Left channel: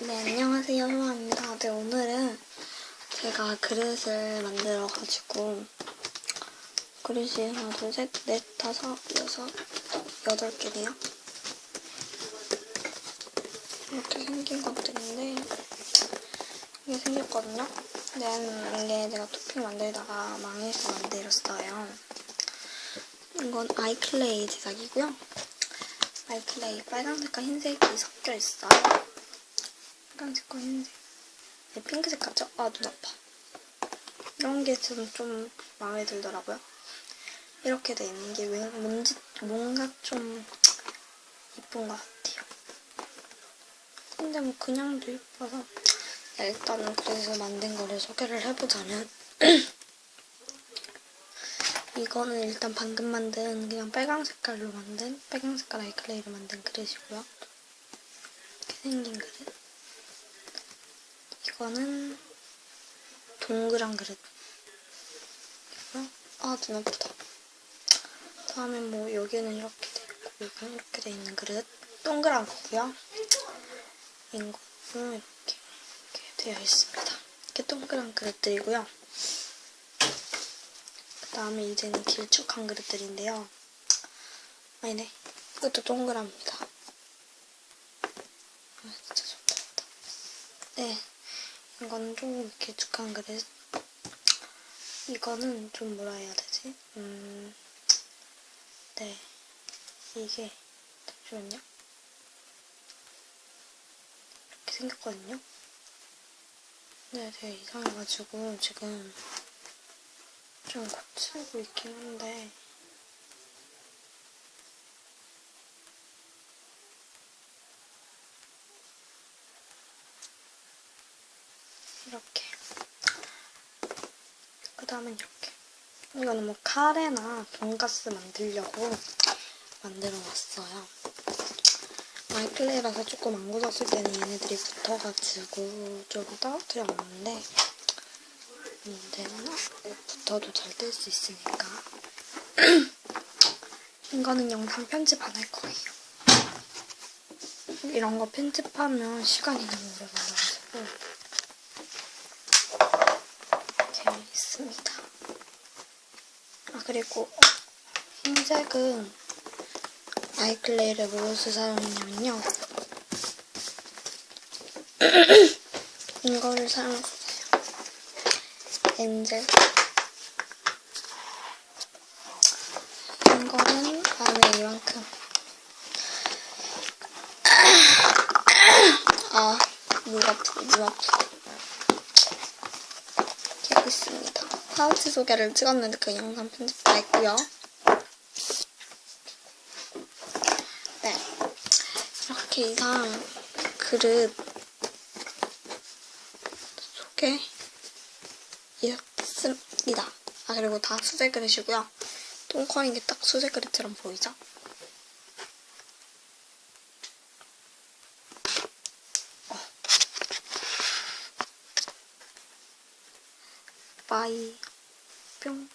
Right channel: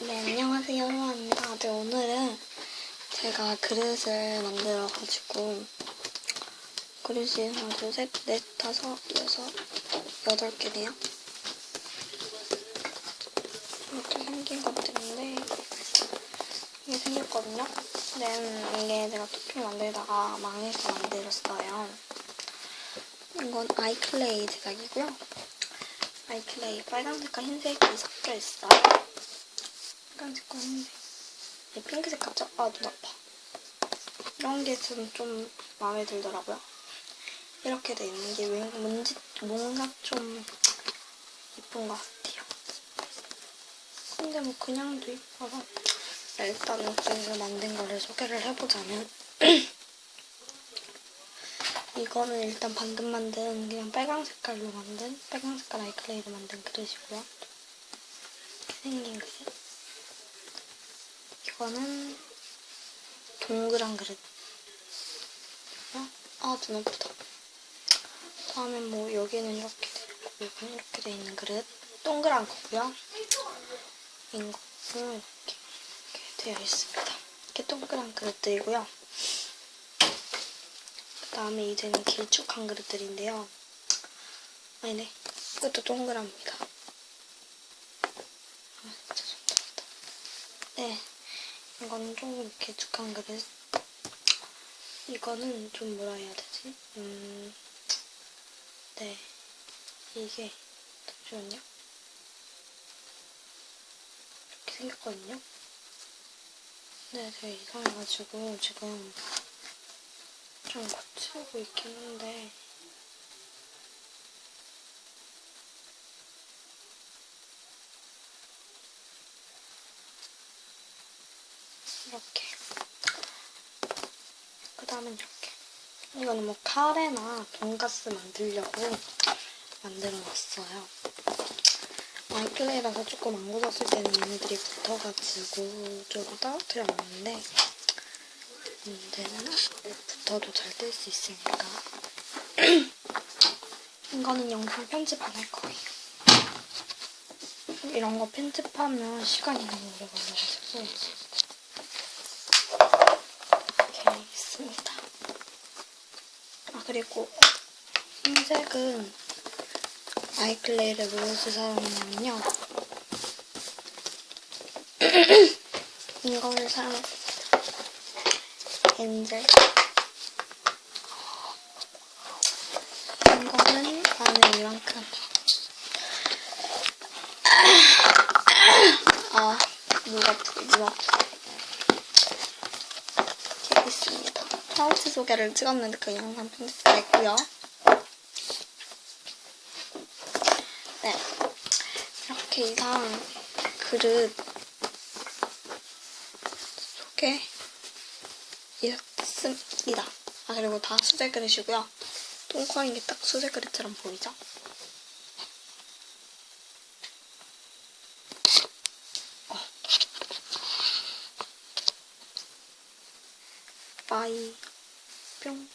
네, 안녕하세요. 소아입니다. 네, 오늘은 제가 그릇을 만들어가지고, 그릇이 하나, 둘, 셋, 넷, 다섯, 여섯, 여덟 개네요. 이렇게 생긴 것들인데, 이게 생겼거든요. 근데 이게 내가 토핑 만들다가 망해서 만들었어요. 이건 아이클레이 제작이고요. 아이클레이 빨간색과 흰색이 섞여 있어요. 빨간색과 흰색. 네, 핑크색 같죠? 아, 눈 아파. 이런 게 저는 좀 마음에 들더라고요. 이렇게 돼 있는 게 왠- 뭔지, 뭔가 좀 예쁜 것 같아요. 근데 뭐 그냥도 예뻐서. 네, 일단은 그래서 만든 거를 소개를 해보자면. 이거는 일단 방금 만든 그냥 빨강 색깔로 만든 빨강 색깔 아이클레이로 만든 그릇이고요. 이렇게 생긴 그릇. 이거는 동그란 그릇. 이고요. 아, 눈 아프다. 다음에 뭐 여기는 이렇게 돼 있고 여기는 이렇게 돼 있는 그릇. 동그란 거고요. 이거는 이렇게, 이렇게 되어 있습니다. 이렇게 동그란 그릇들이고요. 그 다음에 이제는 길쭉한 그릇들인데요. 아니네. 이것도 동그랍니다. 아, 진짜 좋다. 네. 이거는 조금 길쭉한 그릇. 이거는 좀 뭐라 해야 되지? 음, 네. 이게, 잠시만요. 이렇게 생겼거든요. 네, 되게 이상해가지고 지금 좀 고치고 있긴 한데 이렇게. 그 다음엔 이렇게. 이거는 뭐 카레나 돈가스 만들려고 만들어 놨어요. 마이클레이라서 조금 안 굳었을 때는 얘네들이 붙어가지고 좀 떨어뜨려 놨는데 문제는 붙어도 잘뜰수 있으니까. 이거는 영상 편집 안 할 거예요. 이런 거 편집하면 시간이 너무 오래 걸려가지고 이렇게 있습니다. 아 그리고 흰색은 아이클레이를 무엇을 사용했냐면요. 이거를 사용했어요. 엔젤. 이거는 안에 이만큼. 아, 물 아프고. 이렇게 있습니다. 파우치 소개를 찍었는데 그 영상 편집 다 했고요. 네. 이렇게 이상 그릇 소개 이렇습니다. 아 그리고 다 수제 그릇이고요. 똥커인 게 딱 수제 그릇처럼 보이죠? 빠이. 뿅